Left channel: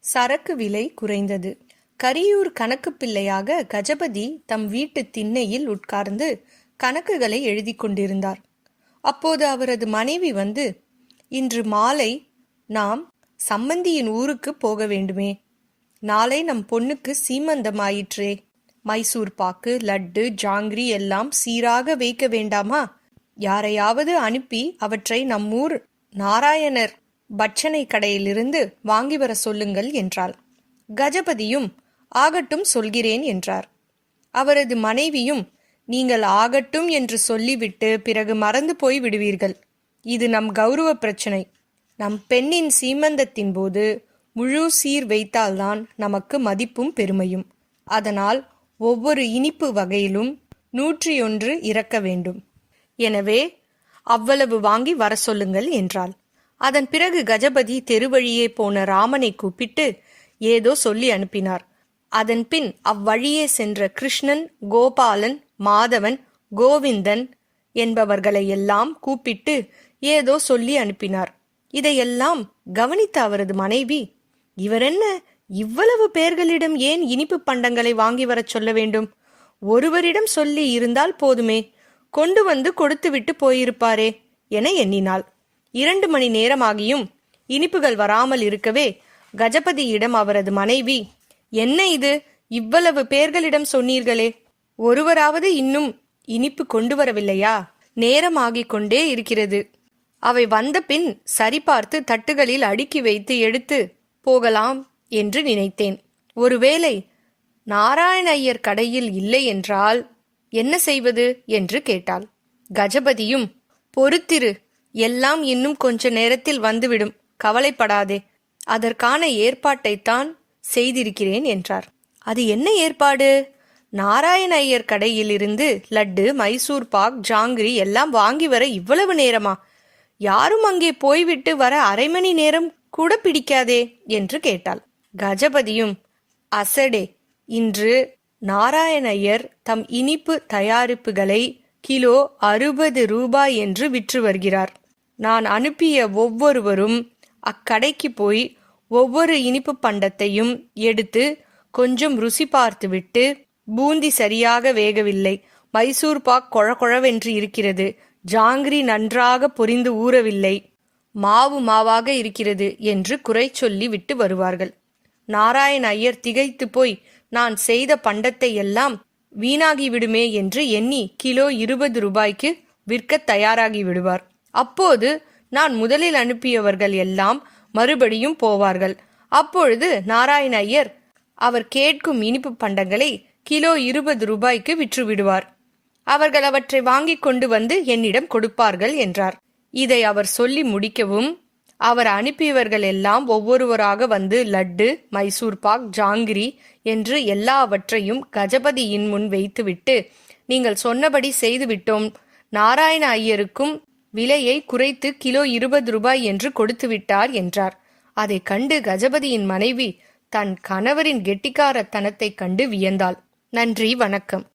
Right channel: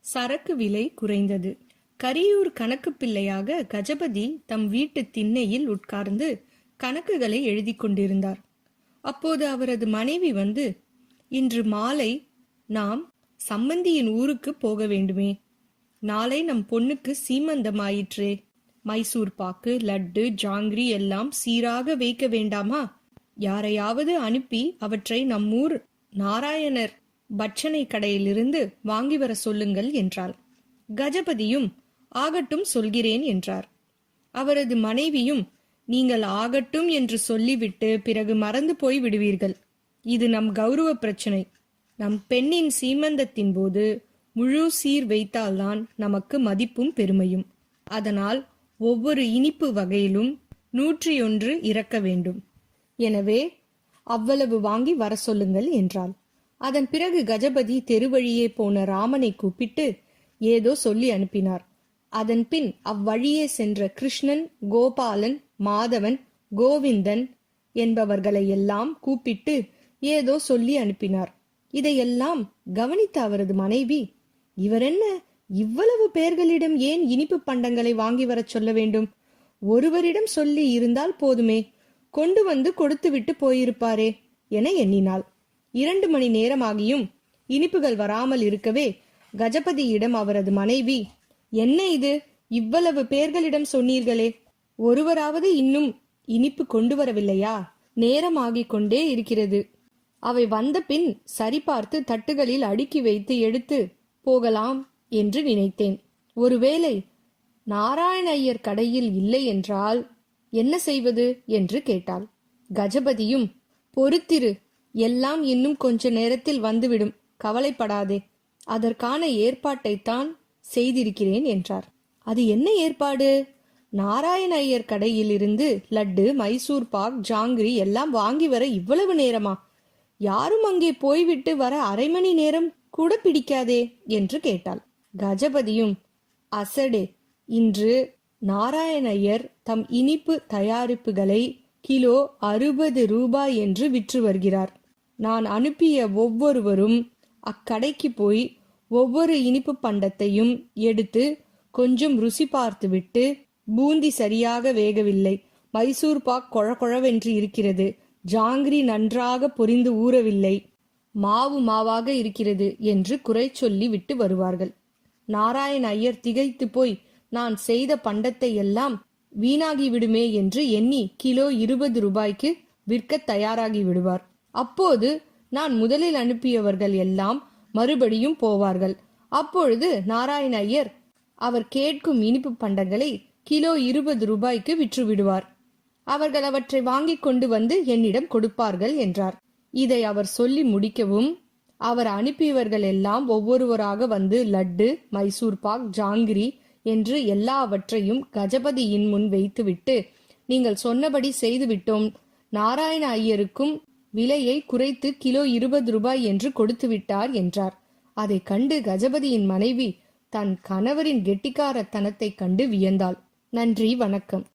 சரக்கு விலை குறைந்தது. கரியூர் கணக்கு பிள்ளையாக கஜபதி தம் வீட்டு திண்ணையில் உட்கார்ந்து கணக்குகளை எழுதி கொண்டிருந்தார். அப்போது அவரது மனைவி வந்து இன்று மாலை நாம் சம்மந்தியின் ஊருக்கு போக வேண்டுமே. நாளை நம் பொண்ணுக்கு சீமந்தமாயிற்றே. மைசூர் பாக்கு லட்டு ஜாங்கிரி எல்லாம் சீராக வைக்க வேண்டாமா? யாரையாவது அனுப்பி அவற்றை நம்மூர் நாராயணர் பட்சணை கடையிலிருந்து வாங்கி வர சொல்லுங்கள் என்றாள். கஜபதியும் ஆகட்டும் சொல்கிறேன் என்றார். அவரது மனைவியும் நீங்கள் ஆகட்டும் என்று சொல்லிவிட்டு பிறகு மறந்து போய் விடுவீர்கள். இது நம் கௌரவ பிரச்சனை. நம் பெண்ணின் சீமந்தத்தின் போது முழு சீர் வைத்தால்தான் நமக்கு மதிப்பும் பெருமையும். அதனால் ஒவ்வொரு இனிப்பு வகையிலும் நூற்றி ஒன்று இறக்க வேண்டும். எனவே அவ்வளவு வாங்கி வர சொல்லுங்கள் என்றாள். அதன் பிறகு கஜபதி தெருவழியே போன ராமனை கூப்பிட்டு ஏதோ சொல்லி அனுப்பினார். அதன் பின் அவ்வழியே சென்ற கிருஷ்ணன் கோபாலன் மாதவன் கோவிந்தன் என்பவர்களை எல்லாம் கூப்பிட்டு ஏதோ சொல்லி அனுப்பினார். இதையெல்லாம் கவனித்த அவரது மனைவி இவரென்ன இவ்வளவு பேர்களிடம் ஏன் இனிப்பு பண்டங்களை வாங்கி வரச் சொல்ல வேண்டும்? ஒருவரிடம் சொல்லி இருந்தால் போதுமே. கொண்டு வந்து கொடுத்துவிட்டு போயிருப்பாரே என எண்ணினாள். இரண்டு மணி நேரமாகியும் இனிப்புகள் வராமல் இருக்கவே கஜபதியிடம் அவரது மனைவி என்ன இது? இவ்வளவு பேர்களிடம் சொன்னீர்களே. ஒருவராவது இன்னும் இனிப்பு கொண்டு வரவில்லையா? நேரமாகிக் கொண்டே இருக்கிறது. அவை வந்த பின் சரிபார்த்து தட்டுகளில் அடுக்கி வைத்து எடுத்து போகலாம் என்று நினைத்தேன். ஒருவேளை நாராயண ஐயர் கடையில் இல்லை என்றால் என்ன செய்வது? என்று கேட்டாள். கஜபதியும் பொறுத்திரு. எல்லாம் இன்னும் கொஞ்ச நேரத்தில் வந்துவிடும். கவலைப்படாதே. அதற்கான ஏற்பாட்டைத்தான் செய்திருக்கிறேன் என்றார். அது என்ன ஏற்பாடு? நாராயண ஐயர் கடையிலிருந்து லட்டு மைசூர் பாக் ஜாங்கிரி எல்லாம் வாங்கி வர இவ்வளவு நேரமா? யாரும் அங்கே போய்விட்டு வர அரை மணி நேரம் கூட பிடிக்காதே என்று கேட்டாள். கஜபதியும் அசடே இன்று நாராயணையர் தம் இனிப்பு தயாரிப்புகளை கிலோ அறுபது ரூபாய் என்று விற்று வருகிறார். நான் அனுப்பிய ஒவ்வொருவரும் அக்கடைக்கு போய் ஒவ்வொரு இனிப்பு பண்டத்தையும் எடுத்து கொஞ்சம் ருசி பார்த்துவிட்டு பூந்தி சரியாக வேகவில்லை. மைசூர் பாக் கொழகொழவென்று இருக்கிறது. ஜாங்கிரி நன்றாக பொரிந்து ஊறவில்லை. மாவு மாவாக இருக்கிறது என்று குறை சொல்லி விட்டு வருவார்கள். நாராயண ஐயர் திகைத்து போய் நான் செய்த பண்டத்தை எல்லாம் வீணாகிவிடுமே என்று எண்ணி கிலோ இருபது ரூபாய்க்கு விற்க தயாராகி விடுவார். அப்போது நான் முதலில் அனுப்பியவர்கள் எல்லாம் மறுபடியும் போவார்கள். அப்பொழுது நாராயண ஐயர் அவர் கேட்கும் இனிப்பு பண்டங்களை கிலோ இருபது ரூபாய்க்கு விற்று விடுவார் அவர்கள் அவற்றை வாங்கி கொண்டு வந்து என்னிடம் கொடுப்பார்கள் என்றார். இதை அவர் சொல்லி முடிக்கவும் அவர் அனுப்பியவர்கள் எல்லாம் ஒவ்வொருவராக வந்து லட்டு மைசூர் பாக் ஜாங்கிரி என்று எல்லாவற்றையும் கஜபதியின் முன் வைத்துவிட்டு நீங்கள் சொன்னபடி செய்துவிட்டோம். நாராயண ஐயருக்கும் விலையை குறைத்து கிலோ இருபது ரூபாய் என்று கொடுத்து விட்டார் என்றார். அதை கண்டு கஜபதியின் மனைவி தன் கணவரின் கெட்டிக்காரத்தனத்தைக் கண்டு வியந்தாள். நன்றி வணக்கம்.